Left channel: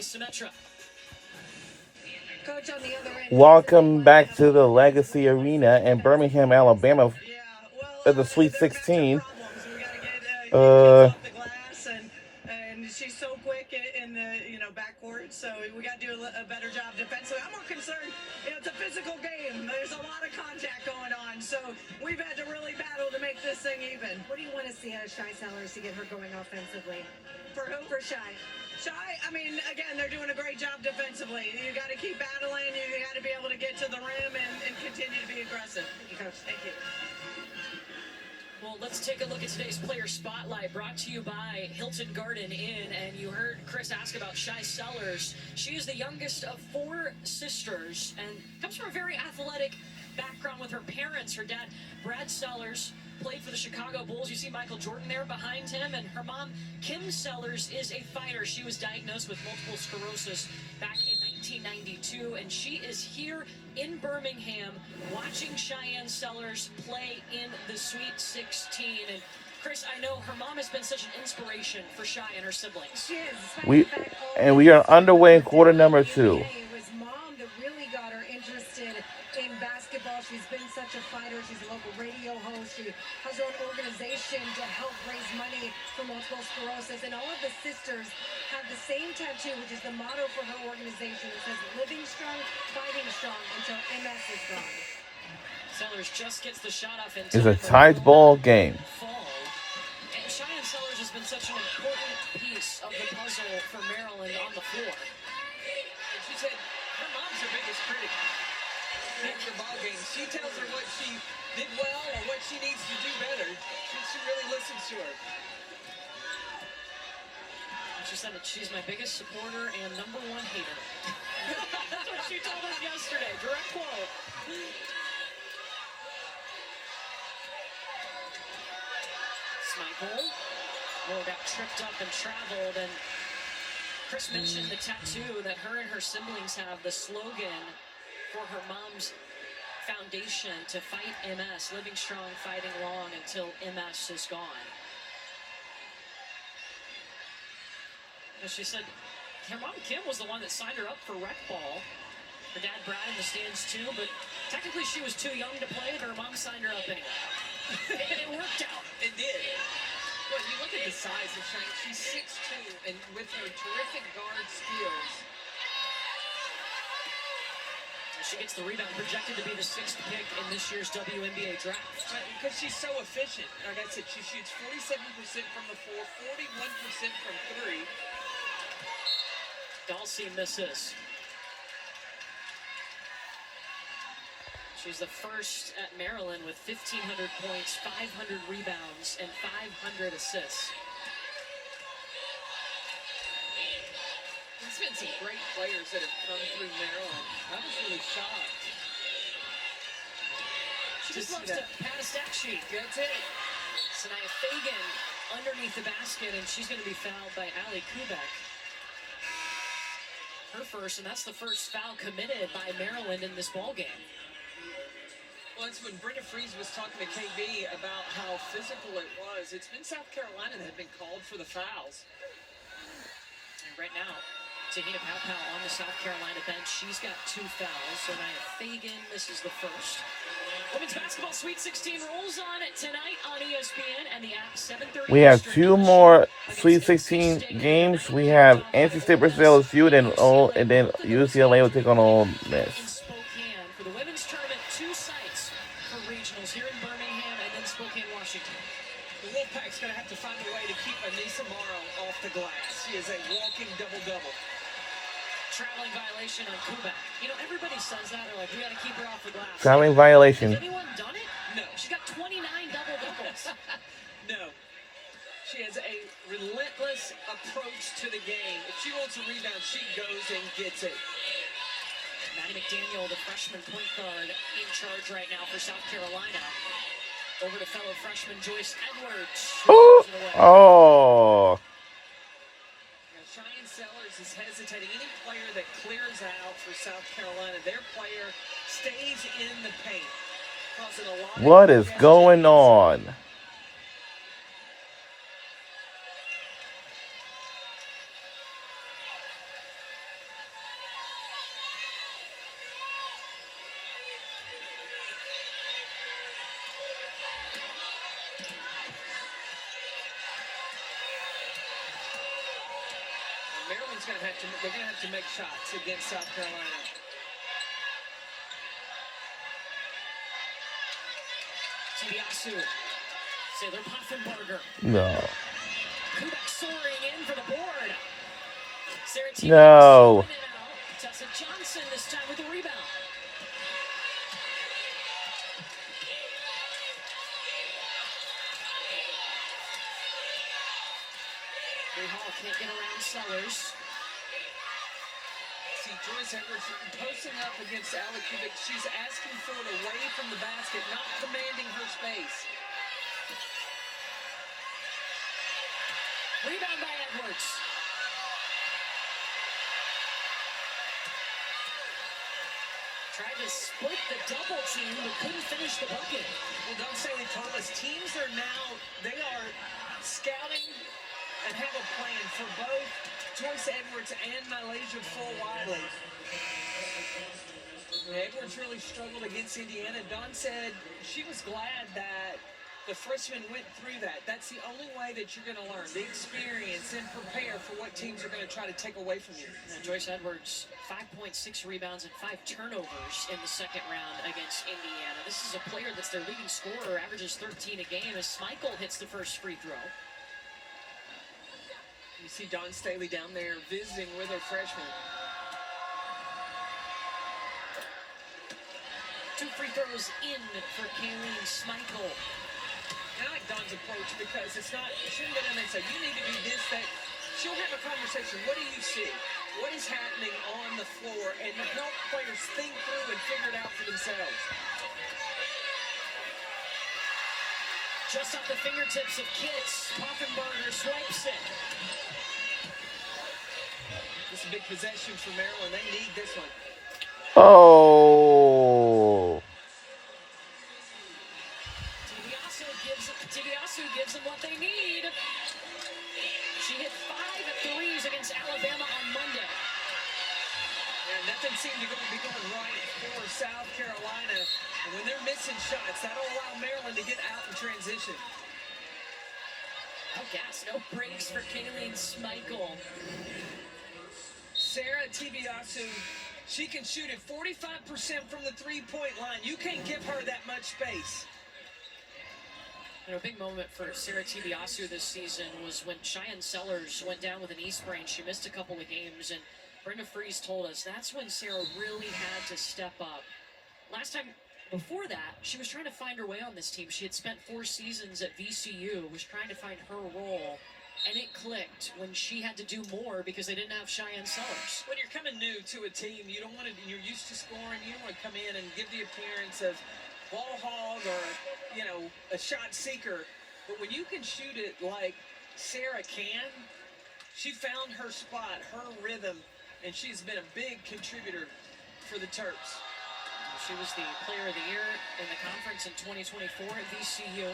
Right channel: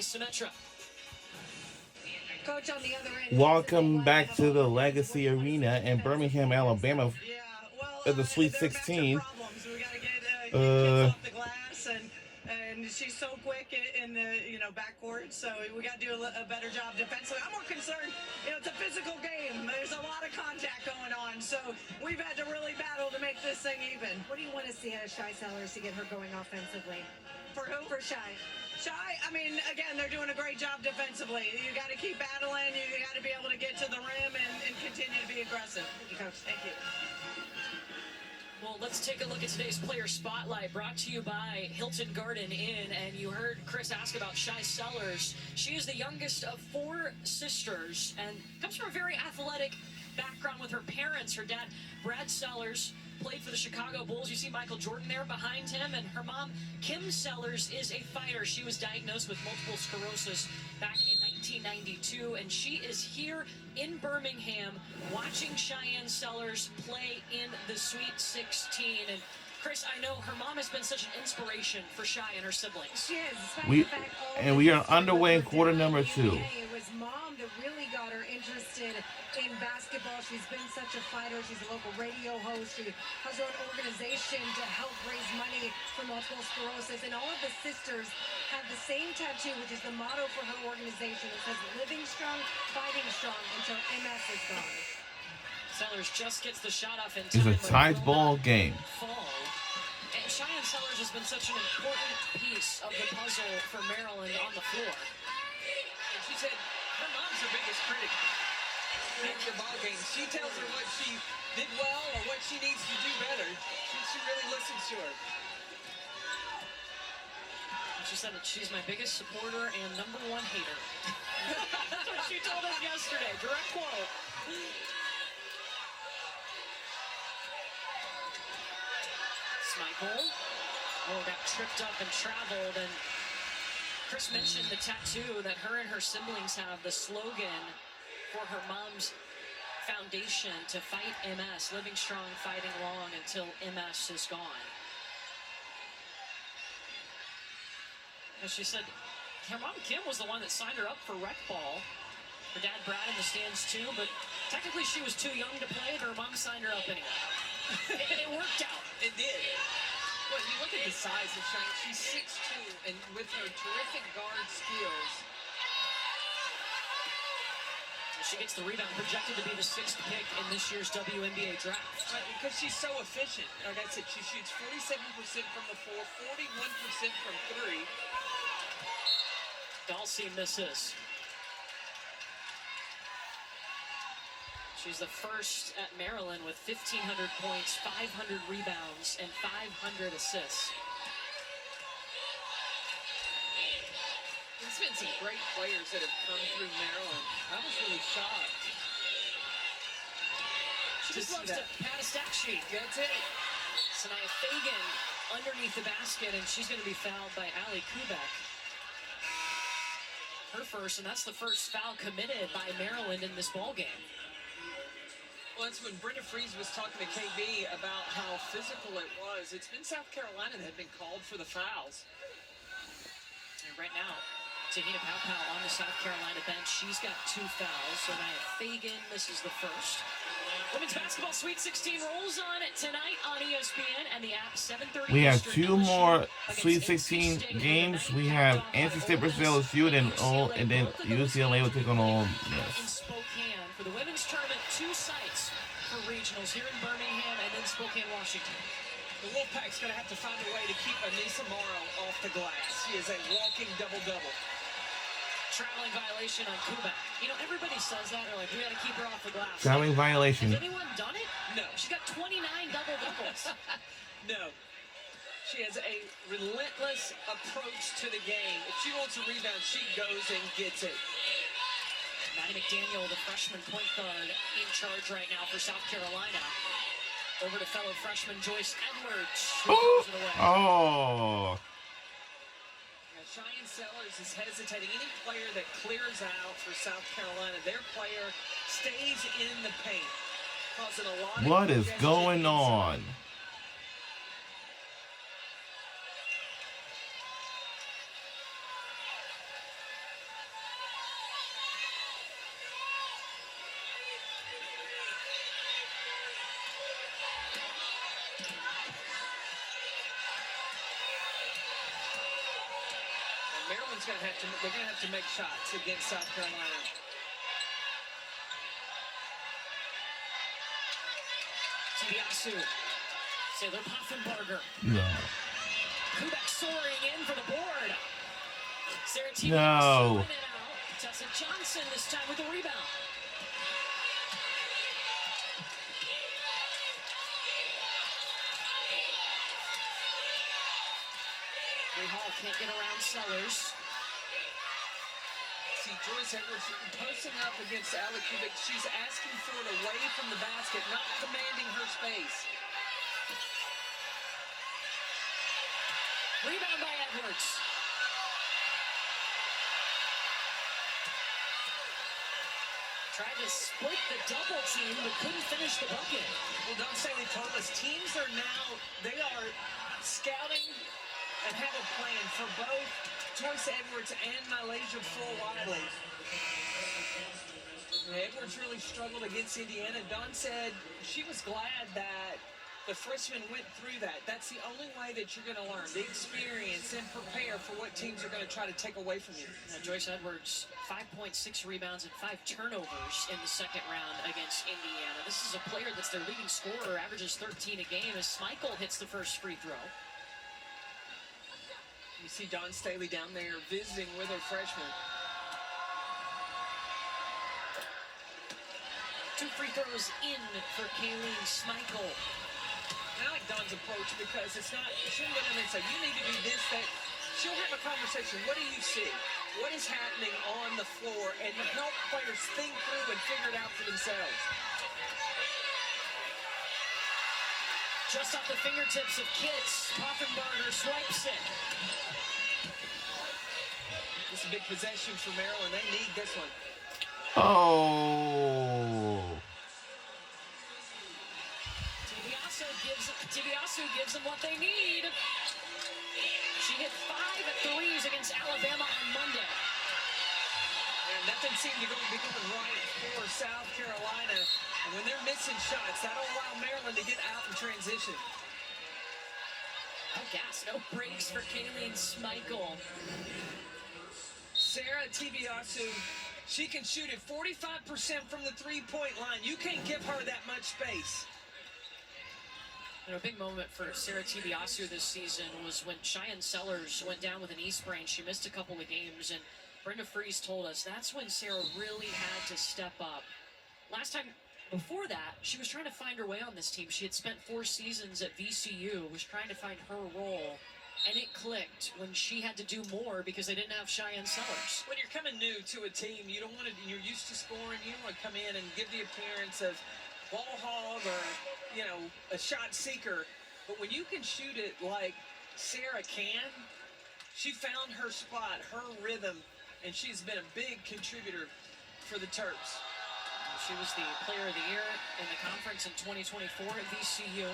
Symetra. Coach on the other end. Welcome back to the Legacy Arena in Birmingham, Alabama, at the Sweet 16. We got to get kids off the glass, and she's so quick in the backcourt. So we got to do a better job defensively. I'm more concerned. It's a physical game. There's a lot of contact going on. So we've had to really battle to make this thing even. What do you want to see out of Shai Sellers to get her going offensively? For who? For Shai. Shai, I mean, again, they're doing a great job defensively. You got to keep battling. You got to be able to get to the rim and continue to be aggressive. Thank you, Coach. Thank you. Well, let's take a look at today's player spotlight, brought to you by Hilton Garden Inn. And you heard Chris ask about Shai Sellers. She is the youngest of 4 sisters and comes from a very athletic background with her parents. Her dad, Brad Sellers, played for the Chicago Bulls. You see Michael Jordan there behind him. And her mom, Kim Sellers, is a fighter. She was diagnosed with multiple sclerosis back in 1992. And she is here in Birmingham watching Cheyenne Sellers play in the Sweet 16. And Chris, I know her mom has been such an inspiration for Shai and her siblings. She is. We are underway in quarter number 2. It was mom that really got her interested in basketball. She's been such a fighter. She's a local radio host. She has her own organization to help raise money for multiple sclerosis. And all of the sisters have the same tattoo, which is the motto for her organization. It says, living strong, fighting strong until MS is gone. Sellers just gets the shot off in It's a tight ball game. And Cheyenne Sellers has been such an important piece of the puzzle for Maryland on the floor. And she said her mom's her biggest critic in the ball game. She tells her what she did well or what she needs to do better. She really listens to her. She said that she's my biggest supporter and #1 hater. That's what she told us yesterday. Direct quote. Michael. Got tripped up and traveled, and Chris mentioned the tattoo that her and her siblings have, the slogan for her mom's foundation to fight MS, living strong, fighting long until MS is gone. And she said her mom Kim was the one that signed her up for rec ball. Her dad Brad in the stands too, but technically she was too young to play, but her mom signed her up anyway. It worked out. It did. Well, you look at the size of Cheyenne. She's 6'2", and with her terrific guard skills. She gets the rebound, projected to be the 6th pick in this year's WNBA draft. Because she's so efficient. Like I said, she shoots 47% from the floor, 41% from 3. Dalsey misses. She's the first at Maryland with 1,500 points, 500 rebounds, and 500 assists. There's been some great players that have come through Maryland. I was really shocked. She just loves to pat a stat sheet. That's it. Sanaya Fagan underneath the basket, and she's going to be fouled by Ali Kubek. Her first, and that's the first foul committed by Maryland in this ballgame. Well, that's when Brenda Freeze was talking to KB about how physical it was. It's been South Carolina that had been called for the fouls. And right now, Tahina Paopao on the South Carolina bench. She's got 2 fouls. So Nia Fagan misses the first. Women's basketball Sweet 16 rolls on tonight on ESPN and the app 7:30. We have 2 more Sweet 16 games. We have NC State versus LSU, and then UCLA will take on Ole Miss. In Spokane for the women's tournament, 2 sites for regionals here in Birmingham and then Spokane, Washington. The Wolfpack's going to have to find a way to keep Anissa Morrow off the glass. She is a walking double-double. Traveling violation on Kubek. You know, everybody says that. They're like, we got to keep her off the glass. Traveling violation. Has anyone done it? No. She's got 29 double-doubles. No. She has a relentless approach to the game. If she wants a rebound, she goes and gets it. Maddie McDaniel, the freshman point guard, in charge right now for South Carolina. Over to fellow freshman Joyce Edwards. Oh. Cheyenne Sellers is hesitating. Any player that clears out for South Carolina, their player stays in the paint, causing a lot of What is going on? they're gonna have to make shots against South Carolina. Tibiasu. Sailor Poffenbarger. No. Kubek soaring in for the board. Sarah Tibiasu No. in and out. Tessa Johnson this time with the rebound. Bree Hall can't get around Sellers. See, Joyce Edwards posting up against Alec Kubik. She's asking for it away from the basket, not commanding her space. Rebound by Edwards. Tried to split the double team, but couldn't finish the bucket. Well, Don Staley told us teams are now, they are scouting and have a plan for both Joyce Edwards and Malaysia Full-Wiley. Edwards really struggled against Indiana. Dawn said she was glad that the freshman went through that. That's the only way that you're going to learn, the experience and prepare for what teams are going to try to take away from you. And Joyce Edwards, 5.6 rebounds and 5 turnovers in the second round against Indiana. This is a player that's their leading scorer, averages 13 a game as Schmeichel hits the first free throw. You see Dawn Staley down there visiting with her freshman. 2 free throws in for Kayleen Schmeichel. And I like Dawn's approach because it's not, she doesn't go down there and say, you need to do this, that. She'll have a conversation. What do you see? What is happening on the floor? And help players think through and figure it out for themselves. Just off the fingertips of Kitts, Poffenbarger swipes it. This is a big possession for Maryland. They need this one. Oh. Tibiasu gives them what they need. She hit 5 threes against Alabama on Monday. And nothing seemed to be going right for South Carolina. And when they're missing shots, that'll allow Maryland to get out in transition. No gas, no breaks for Kayleen Schmeichel. Sarah Tibiasu, she can shoot at 45% from the three-point line. You can't give her that much space. And a big moment for Sarah Tibiasu this season was when Cheyenne Sellers went down with an knee sprain. She missed a couple of games, and Brenda Fries told us that's when Sarah really had to step up. Last time, before that, she was trying to find her way on this team. She had spent 4 seasons at VCU, was trying to find her role, and it clicked when she had to do more because they didn't have Cheyenne Sellers. When you're coming new to a team, you don't want to, you're used to scoring, you don't want to come in and give the appearance of ball hog or, you know, a shot seeker. But when you can shoot it like Sarah can, she found her spot, her rhythm, and she's been a big contributor for the Terps. She was the player of the year in the conference in 2024 at VCU.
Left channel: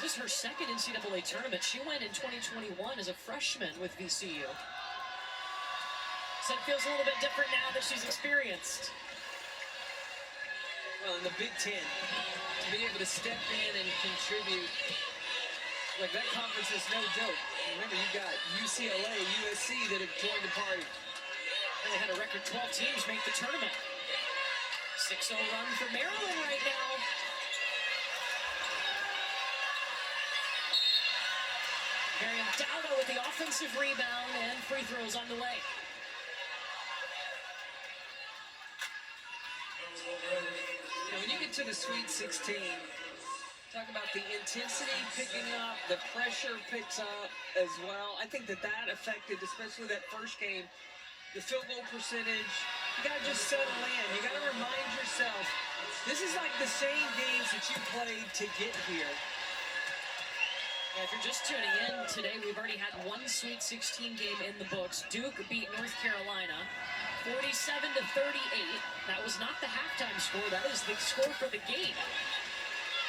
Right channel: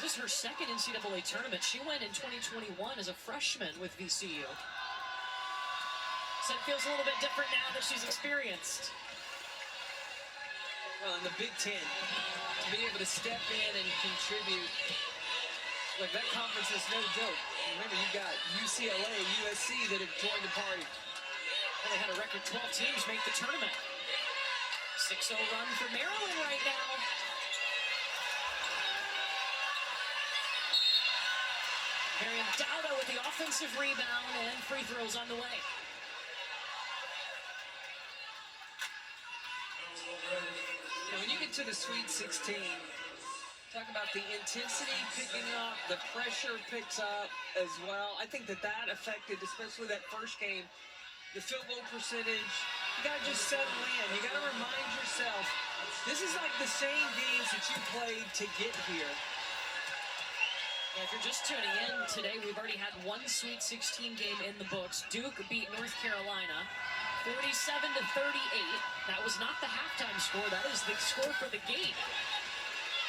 This is her second NCAA tournament. She went in 2021 as a freshman with VCU. So it feels a little bit different now that she's experienced. Well, in the Big Ten, to be able to step in and contribute, like that conference is no joke. Remember, you got UCLA, USC that have joined the party. And they had a record 12 teams make the tournament. 6-0 run for Maryland right now. Miriam Dowda with the offensive rebound and free throws on the way. When you get to the Sweet 16, talk about the intensity picking up, the pressure picks up as well. I think that affected, especially that first game, the field goal percentage. You got to just settle in. You got to remind yourself, this is like the same games that you played to get here. Yeah, if you're just tuning in today, we've already had one Sweet 16 game in the books. Duke beat North Carolina 47-38. That was not the halftime score. That is the score for the game.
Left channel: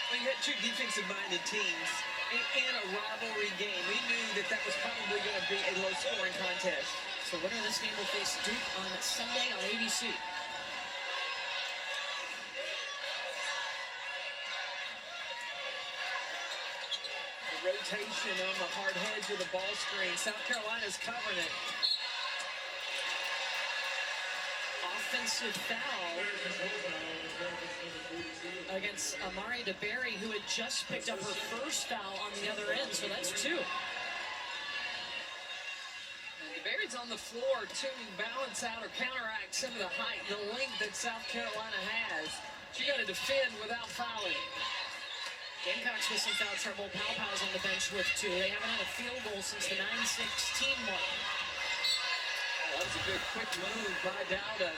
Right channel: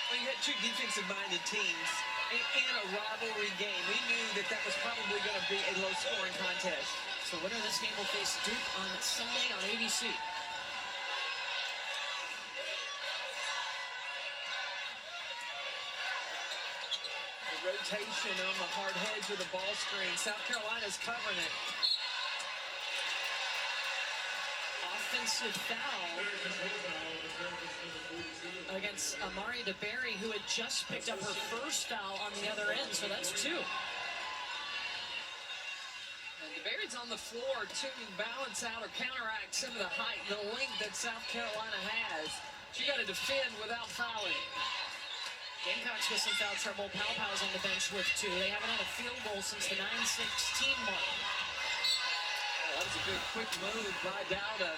Well, you had 2 defensive-minded teams in a rivalry game. We knew that was probably going to be a low-scoring contest. So winner of this game will face Duke on Sunday on ABC. The rotation on the hard hedge of the ball screen. South Carolina's covering it. offensive foul against Amari DeBerry, who had just picked up her first foul on the other end, so that's 2. DeBerry's on the floor to balance out or counteract some of the height and the length that South Carolina has. She got to defend without fouling. Gamecocks with some foul trouble. Palpau's on the bench with 2. They haven't had a field goal since the 9-16 mark. That was a good quick move by Dowda.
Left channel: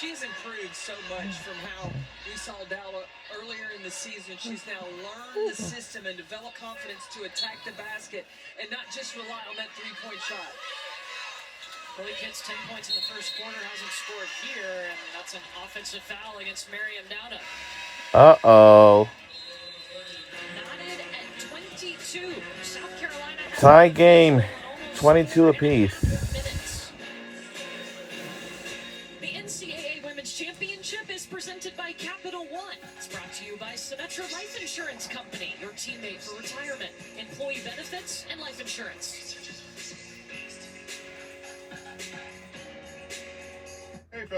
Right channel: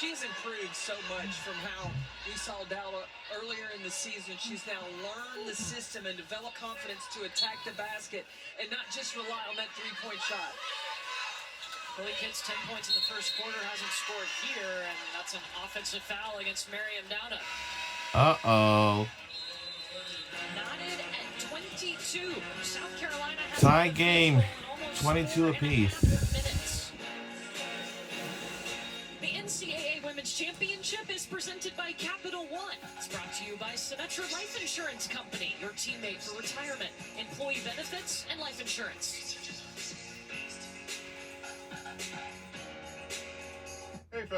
She's improved so much from how we saw Dowda earlier in the season. She's now learned the system and developed confidence to attack the basket and not just rely on that three-point shot. Chloe Kitts, 10 points in the first quarter, hasn't scored here, and that's an offensive foul against Miriam Dowda. Uh-oh. Knotted at 22. South Carolina has Tie game. almost 22 apiece. 4.5 minutes. The NCAA Women's Championship is presented by Capital One. It's brought to you by Symetra Life Insurance Company, your teammate for retirement, employee benefits, and life insurance.